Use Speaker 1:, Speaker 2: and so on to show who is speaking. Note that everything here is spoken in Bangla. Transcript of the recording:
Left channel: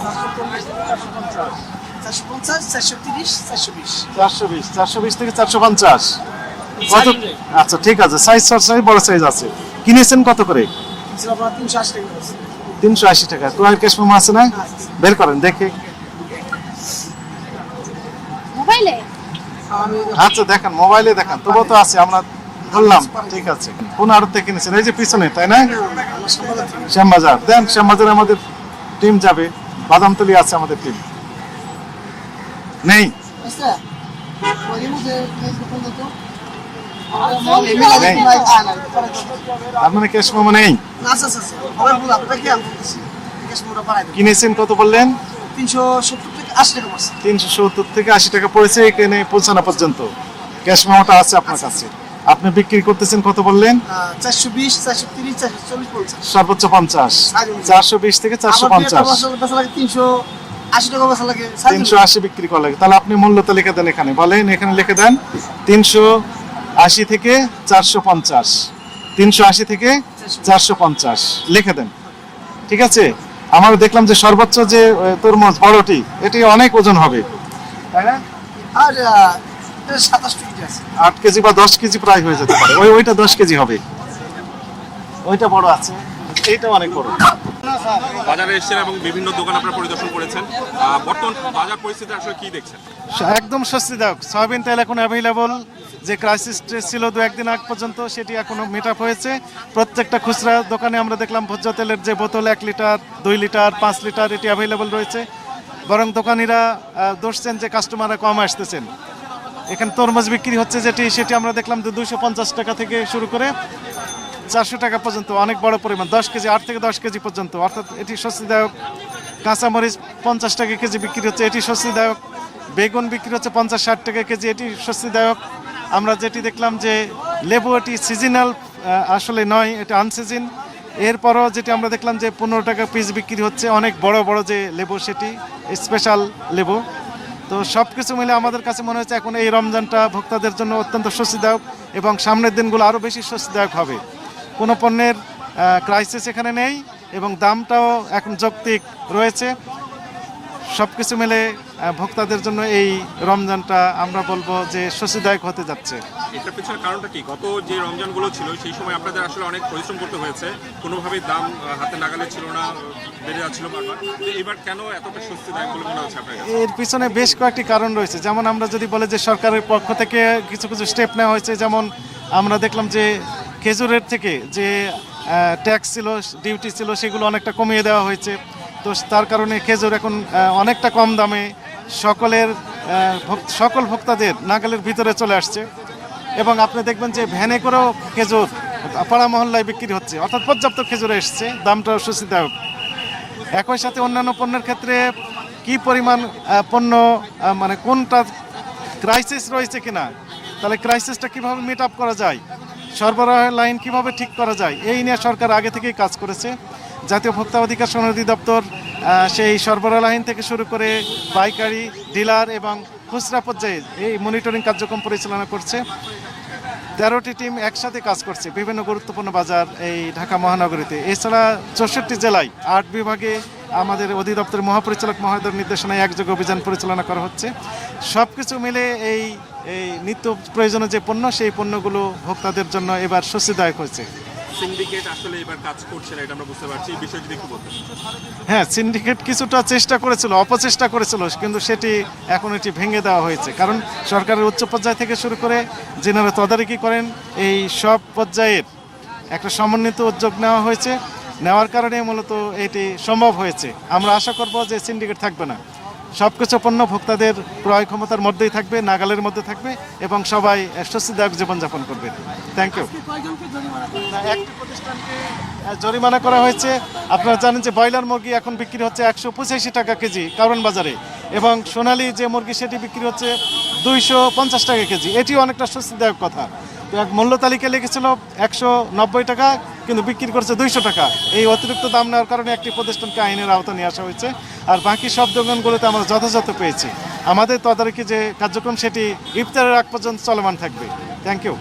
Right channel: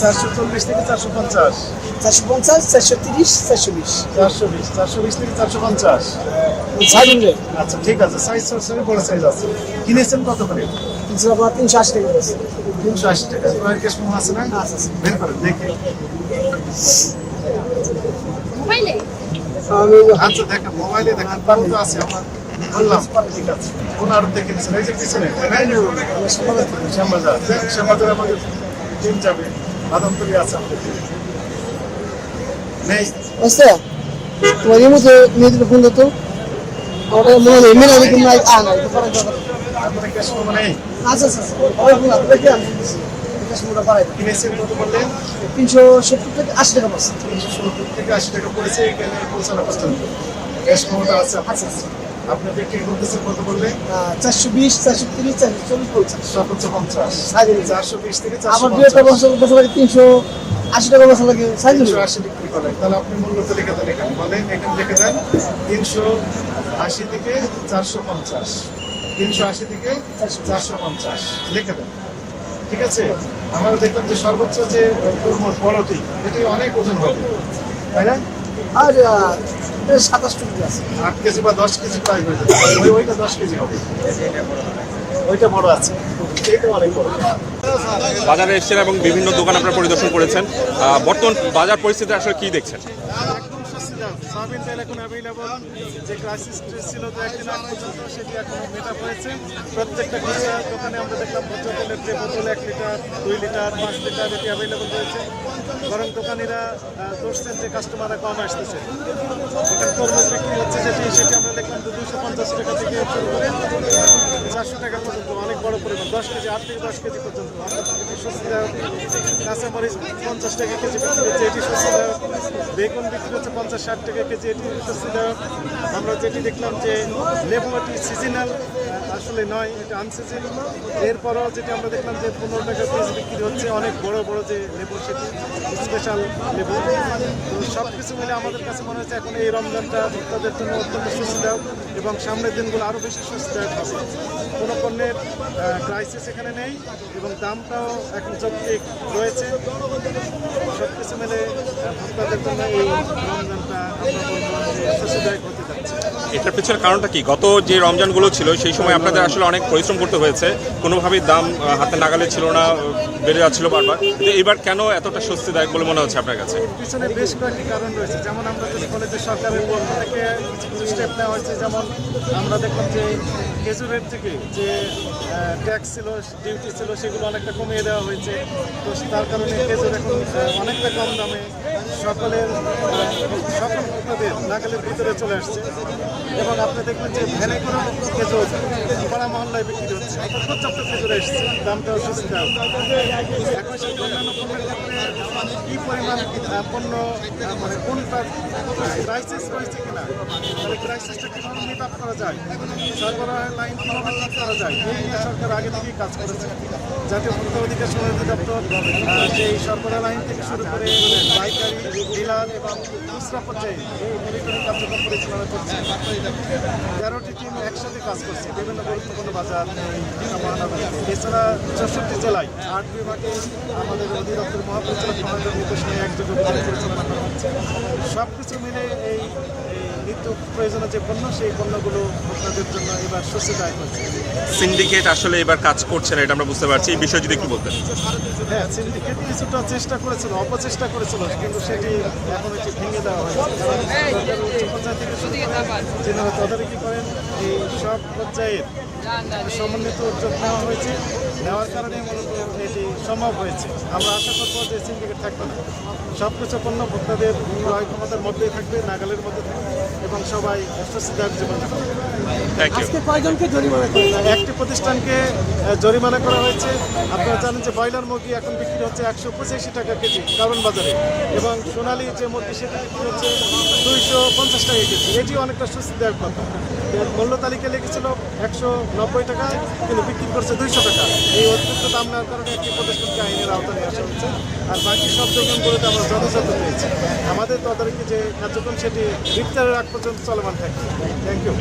Speaker 1: চারশো চল্লিশ
Speaker 2: থেকে চারশো পঞ্চাশ
Speaker 1: চারশো পঞ্চাশ চারশো তিরিশ চারশো বিশ
Speaker 2: চারশো বিশ চারশো বিশ থেকে চারশো পঞ্চাশ আচ্ছা ঠিক আছে সাইজ সাইজ বড় সাইজ আছে কিনেছেন কত করে
Speaker 1: তিনশো আশি টাকা
Speaker 2: তিনশো আশি টাকা তোমার ক্যাশ আছে না
Speaker 1: আচ্ছা, আচ্ছা।
Speaker 2: বের করেন দেখে আচ্ছা দেখেন মোবাইলে দেখেন তবুও তো আছে আমরা বললাম ঠিক আছে। কোন আড়ত থেকে কিনেছেন এই যে পিছনে তাই না? শ্যামবাজার। দেন শ্যামবাজারে আমাদের টিম যাবে। বাদামতলি আছে আমাদের টিম। নেই। আপনার ক্যাশ মেমো কিনেছেন কত বললেন?
Speaker 1: তিনশো সত্তর থেকে আশি টাকা পড়ছে।
Speaker 2: তিনশো সত্তর থেকে আশি টাকা পড়েছে এখানে পৌঁছানো পর্যন্ত। ক্যাশ মেমোটা আছে আপনার কাছে। আপনি বিক্রি করতেছেন কত বললেন?
Speaker 1: চারশো বিশ চারশো তিরিশ চারশো চল্লিশ পড়ছে
Speaker 2: সর্বোচ্চ পঞ্চাশ। চারশো বিশ থেকে চারশো পঞ্চাশ।
Speaker 1: তিনশো আশি টাকা বেচা লাগে
Speaker 2: তিনশো আশি বিক্রি করা লাগে তাহলে আপনি মূল্য তালিকা দেন এখানে। বলেন এখানে লিখে দেন। তিনশো আশি থেকে চারশো পঞ্চাশ। তিনশো আশি থেকে চারশো পঞ্চাশ। লিখে দেন। ঠিক আছে? আমার দেখলাম যে সর্বোচ্চ যে তরমুজ বড়টি এটি অনেক ওজন হবে। তাই না?
Speaker 1: আর সাতাশ টাকা আছে।
Speaker 2: আট কেজি বা দশ কেজি প্রায় হয়ে যেতে পারে। ওই ওইটা দশ কেজি হবে। ওইটা বড় আছে। এইটা অনেক বড়।
Speaker 3: বাজারে এসেছেন এবং বিভিন্ন দোকান আপনারা পরিদর্শন করেছেন। বর্তমান বাজার পরিস্থিতি আসলে কি দেখছেন?
Speaker 2: একদম স্বস্তিদায়ক। সয়াবিন তেল এখন অ্যাভেলেবল যে ক্রাইসিস ছিল দু একদিন আগ পর্যন্ত সেটি এখনও মেট আপ হয়েছে। প্রত্যেকটা খুচরা দোকানে আমরা দেখলাম ভোজ্য তেলের যে বোতল এক লিটার দুই লিটার পাঁচ লিটার এটি অ্যাভেলেবল রয়েছে। বরং দোকানিরা দোষছেন যে কাস্টমাররা কম আসতেছেন। এখানে তরমুজ বিক্রি হচ্ছে যেটি, সেটি আমরা দেখলাম যে দুইশো পঞ্চাশ টাকা থেকে শুরু করে চারশো টাকা পর্যন্ত, অনেক বড় পরিমাণ, দশ কেজি, আট থেকে দশ কেজি পর্যন্ত। অর্থাৎ এটি স্বস্তিদায়ক কাঁচামরিচ পঞ্চাশ টাকা কেজি বিক্রি হচ্ছে, এটি স্বস্তিদায়ক, বেগুন বিক্রি হচ্ছে পঞ্চাশ ষাট টাকা কেজি, এটি স্বস্তিদায়ক। আমরা যেটি দেখলাম যে লেবু এটি সিজনাল আসলে নয়, এটা আনসিজন এরপরও যেটি আমরা দেখলাম যে পনেরো টাকা পিস বিক্রি হচ্ছে, অনেক বড় বড় যে লেবু সেটি স্পেশাল লেবু। তো সব কিছু মিলে আমাদের কাছে মনে হচ্ছে এখন এই রমজানটা ভোক্তাদের জন্য অত্যন্ত স্বস্তিদায়ক এবং সামনের দিনগুলো আরও বেশি স্বস্তিদায়ক হবে। কোনো পণ্যের ক্রাইসিস এখানে নেই এবং দামটাও এখন যৌক্তিক রয়েছে। সব কিছু মিলে ভোক্তাদের জন্য এই রমজানটা আমরা বলব যে স্বস্তিদায়ক হতে যাচ্ছে।
Speaker 3: এটার পিছনে কারণটা কি? গত যে রমজানগুলো ছিল সেই সময় আপনাদের আসলে অনেক পরিশ্রম করতে হয়েছে। কোনোভাবেই দাম হাতে নাগালে ছিল না বেড়ে যাচ্ছিল বারবার। কিন্তু এবার কেন এতটা স্বস্তিদায়ক বলে মনে হচ্ছে আপনার কাছে?
Speaker 2: এর পিছনে বেশ কয়েকটি কারণ রয়েছে। যেমন আমরা যদি বলে যে সরকারের পক্ষ থেকে কিছু কিছু স্টেপ নেওয়া হয়েছে। যেমন আমরা দেখলাম যে খেজুরের থেকে যে ট্যাক্স ছিল ডিউটি ছিল, সেগুলো অনেকটা কমিয়ে দেওয়া হয়েছে। তো তার কারণে খেজুর এখন অনেকটা কম দামে সকলের সকল ভোক্তাদের নাগালের ভিতরে চলে আসছে। এবং আপনি দেখবেন যে ভ্যানে করেও খেজুর, পাড়া মহল্লায় বিক্রি হচ্ছে। অর্থাৎ পর্যাপ্ত খেজুর এসছে দামটাও স্বস্তিদায়ক একই সাথে অন্যান্য পণ্যের ক্ষেত্রে কি পরিমাণ পণ্য মানে কোনটা ক্রাইসিস রয়েছে কিনা, তাহলে ক্রাইসিসটা কীভাবে মিট আপ করা যায় সরবরাহের লাইন কীভাবে ঠিক করা যায়? এই নিয়ে সরকার আগে থেকেই কাজ করেছে। জাতীয় ভোক্তা অধিকার সনদি দপ্তর সেই সরবরাহ লাইন থেকে শুরু করে পাইকারি, ডিলার এবং খুচরা পর্যায়ে এই মনিটরিং কার্যক্রম পরিচালনা করছে। তেরোটি টিম একসাথে কাজ করছে বিভিন্ন গুরুত্বপূর্ণ বাজার এই ঢাকা মহানগরীতে। এছাড়া চৌষট্টি জেলায় আট বিভাগে আমাদের অধিদপ্তর মহাপরিচালক মহোদয়ের নির্দেশনায় একযোগে অভিযান পরিচালনা করা হচ্ছে। সব কিছু মিলে এই নিত্য প্রয়োজনীয় যে পণ্য সেই পণ্যগুলো ভোক্তাদের জন্য এবার স্বস্তিদায়ক হচ্ছে
Speaker 3: সিন্ডিকেট আসলে এবার কাজ করছে না এটা আমরা বুঝতে পারছি। এই বিষয়ে যদি একটু বলতেন।
Speaker 2: হ্যাঁ সিন্ডিকেট কিছুটা চেষ্টা করেছিল অপচেষ্টা করেছিল কিন্তু সেটি এখন এটি ভেঙে দেওয়া হয়েছে। কারণ সরকারের উচ্চ পর্যায় থেকে শুরু করে যেনারা তদারকি করেন এই সব পর্যায়ের একটা সমন্বিত উদ্যোগ নেওয়া হয়েছে। নেওয়ার কারণে মূলত এটি সম্ভব হয়েছে। আমরা আশা করব যে সিন্ডিকেট থাকবে না। সব কিছু পণ্য ভোক্তাদের ক্রয় ক্ষমতার মধ্যেই থাকবে নাগালের মধ্যে থাকবে এবং সবাই স্বস্তিদায়ক জীবনযাপন করবে। থ্যাংক ইউ একটি প্রতিষ্ঠানকে জরিমানা করা হয়েছে। আপনারা জানেন যে ব্রয়লার মুরগি এখন বিক্রি হচ্ছে একশো পঁচাশি টাকা কেজি কারণ বাজারে। এবং সোনালি যে মুরগি সেটি বিক্রি হচ্ছে দুইশো পঞ্চাশ টাকা কেজি। এটি অনেকটা স্বস্তিদায়ক কথা। মূল্য তালিকা লিখেছিল একশো নব্বই টাকা, কিন্তু বিক্রি করছে দুইশো টাকা। এই অতিরিক্ত দাম নেওয়ার কারণে একটি প্রতিষ্ঠানকে আইনের আওতা নিয়ে আসা হয়েছে, আর বাকি সব দোকানগুলোতে আমরা যথাযথ পেয়েছি। আমাদের তদারকি যে কার্যক্রম, সেটি গ্রিপ্তারের আগ পর্যন্ত চলমান থাকবে। Thank you